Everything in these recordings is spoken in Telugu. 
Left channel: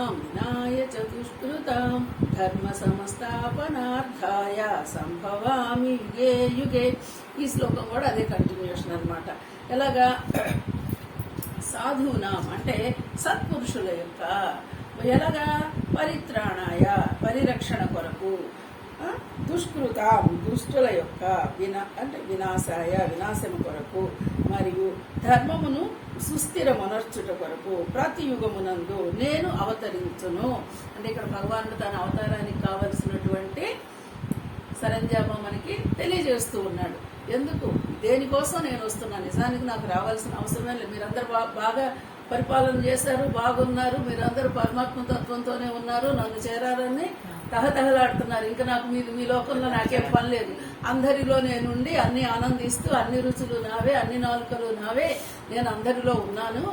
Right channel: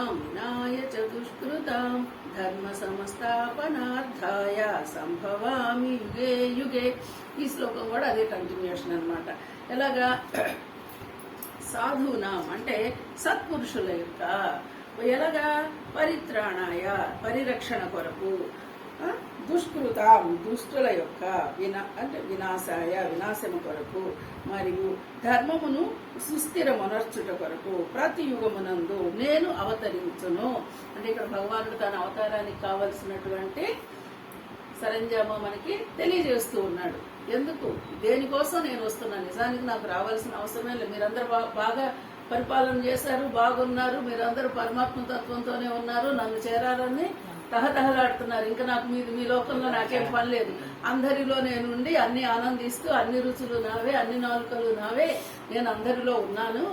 సాధూనాం వినాయ చతుష్కృతాం ధర్మ సంస్థాపనార్థాయ సంభవామి యుగే యుగే. ఈ శ్లోకం కూడా అదే కంటిన్యూషన్ అన్నమాట. ఎలాగా సాధూనాం అంటే సత్పురుషుల యొక్క ఎలాగా పరిత్రాణాయ పరిరక్షణ కొరకు, దుష్కృతాం దుష్టుల యొక్క వినాశాయ వినాశము కొరకు, మరియు ధర్మమును సుస్థిరమనర్చుట కొరకు ప్రతి యుగమునందు నేను అవతరించును. అంటే ఇక్కడ భగవానుడు తన అవతారానికి కావలసినటువంటి సరంజామా మనకి తెలియజేస్తూ ఉన్నాడు. ఎందుకు దేనికోసం నేను వస్తున్నాను, నిజానికి నాకు రావాల్సిన అవసరమే లేదు. మీరందరూ బాగా పరిపాలన చేశారు, బాగున్నారు, మీరందరూ పరమాత్మ తత్వంతోనే ఉన్నారు, నన్ను చేరాలని తహతహలాడుతున్నారు. ఇంకా నాకు మీ లోకంలో నాకేం పని లేదు, అందరిలో నేనుండి అన్ని ఆనందిస్తూ అన్ని రుచులు నావే, అన్ని నాలుకలు నావే, నేను అందరిలో ఉన్నాను.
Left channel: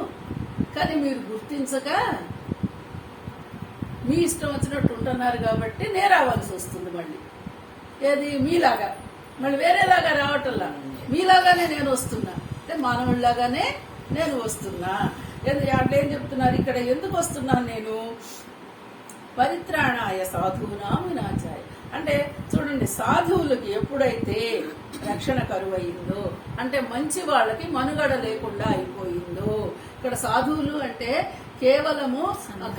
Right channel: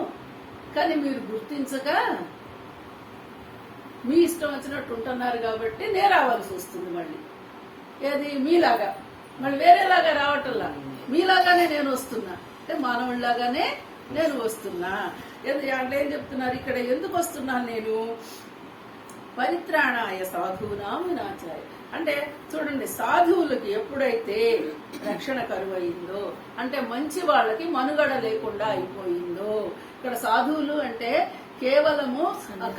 కానీ మీరు గుర్తించక మీ ఇష్టం వచ్చినట్టు ఉంటున్నారు కాబట్టి నేను రావాల్సి వస్తుంది. మళ్ళీ ఏది మీలాగా, మళ్ళీ వేరేలాగా రావటంలా, మీలాగానే నేను వస్తున్నా, అంటే మానవుడిలాగానే నేను వస్తున్నా. అంటే ఏం చెప్తున్నారు ఇక్కడ, ఎందుకు వస్తున్నాను నేను? పరిత్రాణాయ సాధువునాం వినాశాయ. అంటే చూడండి, సాధువులకి ఎప్పుడైతే రక్షణ కరువయిందో, అంటే మంచి వాళ్ళకి మనుగడ లేకుండా అయిపోయిందో. ఇక్కడ సాధువులు అంటే కేవలము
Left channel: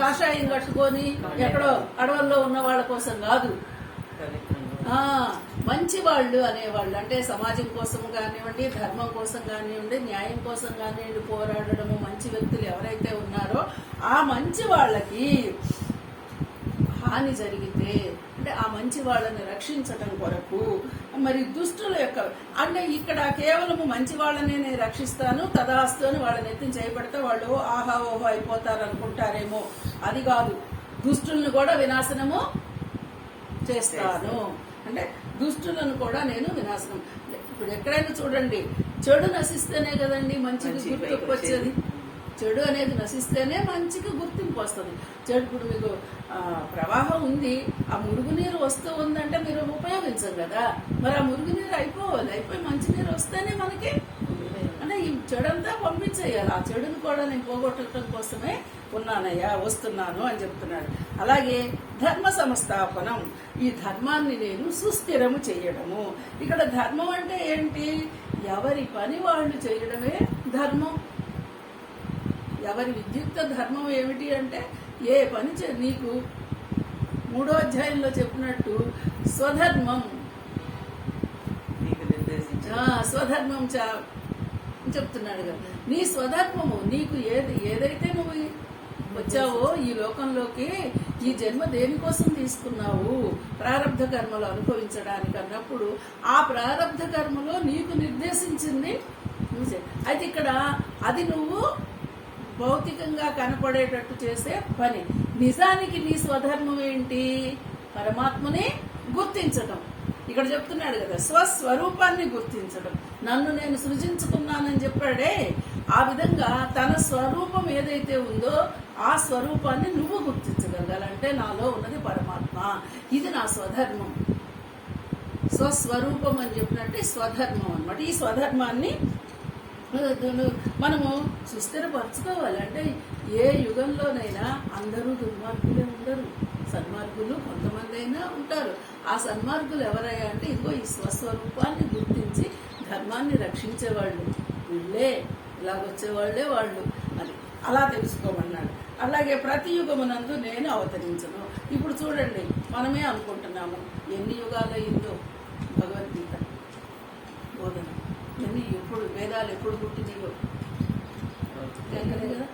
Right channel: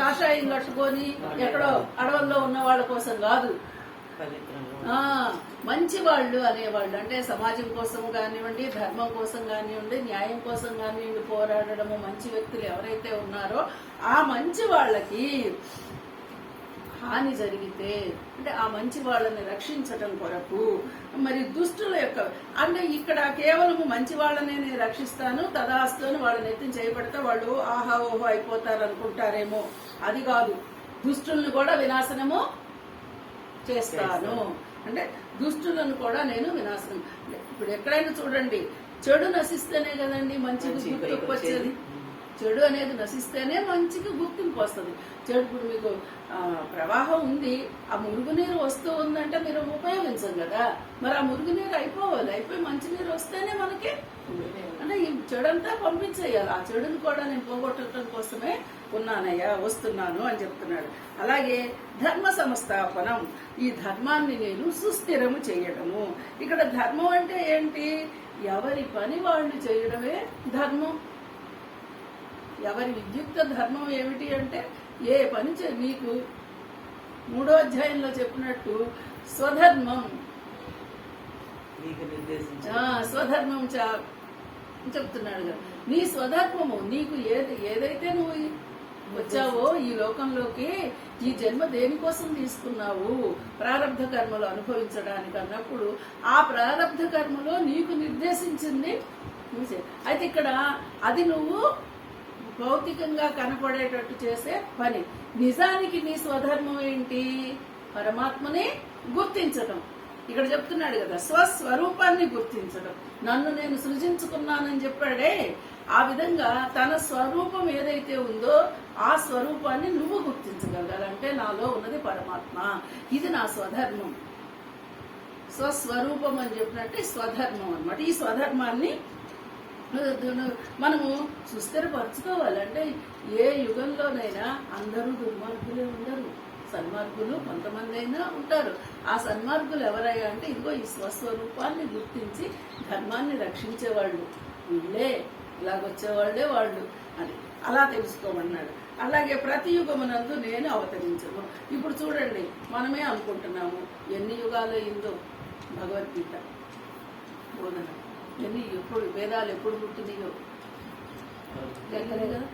కాషాయం కట్టుకొని ఎక్కడో అడవుల్లో ఉన్న వాళ్ళ కోసం కాదు, మంచి వాళ్ళు అనేవాళ్ళు. అంటే సమాజం కోసం కానివ్వండి, ధర్మం కోసం కానివ్వండి, న్యాయం కోసం కానివ్వండి పోరాడడము మంచి వ్యక్తులు ఎవరైతే ఉన్నారో ఆ మంచి వాళ్ళకి హాని జరిగితే, అంటే ఆ మంచి వాళ్ళని రక్షించటం కొరకు, మరి దుష్టుల యొక్క, అంటే ఇక్కడ కేవలము మంచి వాళ్ళని నేను రక్షిస్తాను తదాస్తు అని వాళ్ళని ఎత్తిని చేయబడితే వాళ్ళు ఆహా ఓహో అయిపోతారు అనుకుంటారేమో, అది కాదు. దుష్టుల్ని కూడా వినాశనము చేస్తాను, అంటే దుష్టులను కూడా నేను వినాశనం. ఇప్పుడు ఎక్కడైనా చూడండి, చెడు నశిస్తేనే కదండి మంచికి గుర్తింపు వచ్చేది. చెడు అనేది నశిస్తేనే మంచికి గుర్తింపు వస్తుంది. చెడు ఇప్పుడు మీకు ప్రవాహం ఉంది, ఆ మురుగునీరు వస్తూ ఉందంటే మీరు ఉపయోగించం కదా, మరి ఆ మురుగునీరు అయిపోవాలి, అయిపోయి మంచినీరు వస్తేనే మనకి, అంటే ఈ చెడంతా పంపించేయాలి. ఆ చెడుని కూడా నేను పోగొట్టడం కోసమే ఉన్నానయ్యా, వస్తున్నాను అని చెప్తున్నాడు. అలాగే ధర్మ సంస్థాపనం, ఈ ధర్మాన్ని నేను సుస్థిరము చేయడము. ఇక్కడ ధర్మం అంటే ఏంటి? ఎవరి పని వాళ్ళు చేయడమే ధర్మం. ఎవరి విద్యుక్త ధర్మం ఏమిటి అంటే, ఏ పని నీకు 3వ అధ్యాయంలో చెప్పినట్టు స్వధర్మం, స్వధర్మం చెప్తున్నాడు కదా. నీ స్వధర్మము, నీకు ఏదైతే నువ్వు వచ్చావో ఈ లోకంలోకి, ఈ జన్మ దేనికోసం తీసుకున్నావు, ప్రారబ్ధ కర్మలు అనుభవించడానికి అన్నప్పుడు ఆ ప్రారబ్ధ కర్మలో నీకు నిర్దేశించింది నువ్వు. అయితే ఇక్కడ అది నువ్వు భౌతికంగా కనపడేటట్టు చేసే పని. నిజానికి నీ స్వధర్మం ఏంటి? పరమాత్మని గుర్తించడం. ఇక్కడ చెప్తున్నాడు కదా, స్వస్వరూపాన్ని గుర్తించడం. నన్ను నేను సృజించుకున్నానని చెప్పాడే, ఆ విధంగా తన స్వరూపం ఏదైతే ఉందో ఆ స్వరూపాన్ని నువ్వు గుర్తించగలగాలంటే నాలో ఉన్నది పరమాత్మ, ఇది నా స్వధర్మం. స్వస్వరూపం అని చెప్పినట్టు స్వధర్మం అన్నమాట. ఈ స్వధర్మాన్ని మనము సుస్థిరపరచుకోవాలి. అంటే ఏ యుగంలోనైనా అందరూ దుర్మార్గులే ఉండరు, సన్మార్గులు కొంతమంది అయినా ఉంటారు. ఆ సన్మార్గులు ఎవరయ్యా అంటే ఇదిగో ఈ స్వస్వరూపాన్ని గుర్తించి ధర్మాన్ని రక్షించేవాళ్ళు వీళ్ళే, ఇలాగొచ్చేవాళ్లే వాళ్ళు అని అలా తెలుసుకోమన్నాడు. అలాగే ప్రతి యుగమునందు నేను అవతరించను. ఇప్పుడు చూడండి, మనమే అనుకుంటున్నాము ఎన్ని యుగాలయ్యిందో భగవద్గీత బోధన, ఎప్పుడు వేదాలు ఎప్పుడు పుట్టినాయో తెలియదు కదా.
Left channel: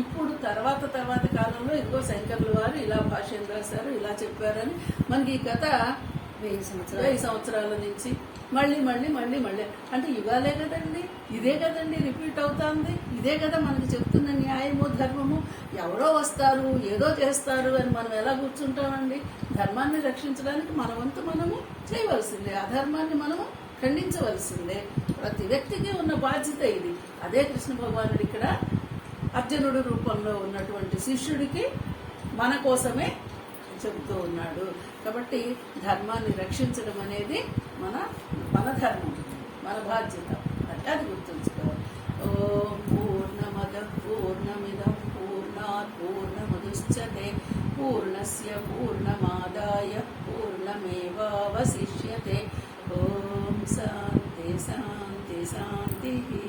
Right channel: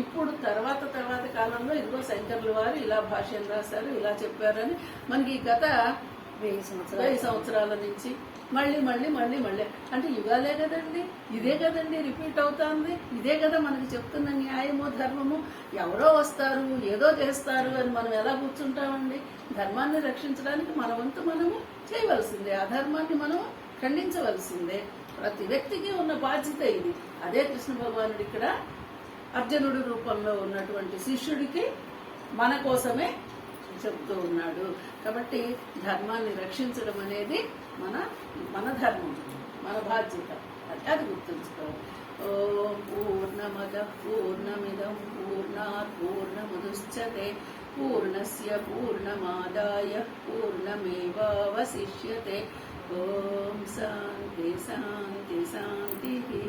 ఇప్పుడు తర్వాత కాలంలో ఇదిగో శంకర్ల వారు ఇలా భాష్యం రాశారు, ఇలా చెప్పారని మనకి గత 1000 సంవత్సరాల నుంచి మళ్ళీ అంటే యుగాలే కదండి, ఇదే కదండి రిపీట్ అవుతుంది. ఇదే కదా మనకి చెప్తున్న న్యాయము ధర్మము. ఎవరో వస్తారు ఏదో చేస్తారు అని మనం ఎలా కూర్చుంటామండి? ధర్మాన్ని రక్షించడానికి మన వంతు మనము చేయవలసిందే, అధర్మాన్ని మనము ఖండించవలసిందే. ప్రతి వ్యక్తికి ఉన్న బాధ్యత ఇది. అదే కృష్ణ భగవానుడు ఇక్కడ అర్జునుడి రూపంలో ఉన్నటువంటి శిష్యుడికి మన కోసమే చెబుతూ ఉన్నాడు. కాబట్టి ధర్మాన్ని రక్షించడం అనేది మన ధర్మం, మన బాధ్యత. అది గుర్తుంచుకోవాలి. ఓం పూర్ణమద పూర్ణమిదం పూర్ణ पूर्णात् पूर्णमुदच्यते पूर्णस्य पूर्णमादाय पूर्णमेवावशिष्यते ॐ शान्ति शान्ति शान्तिः।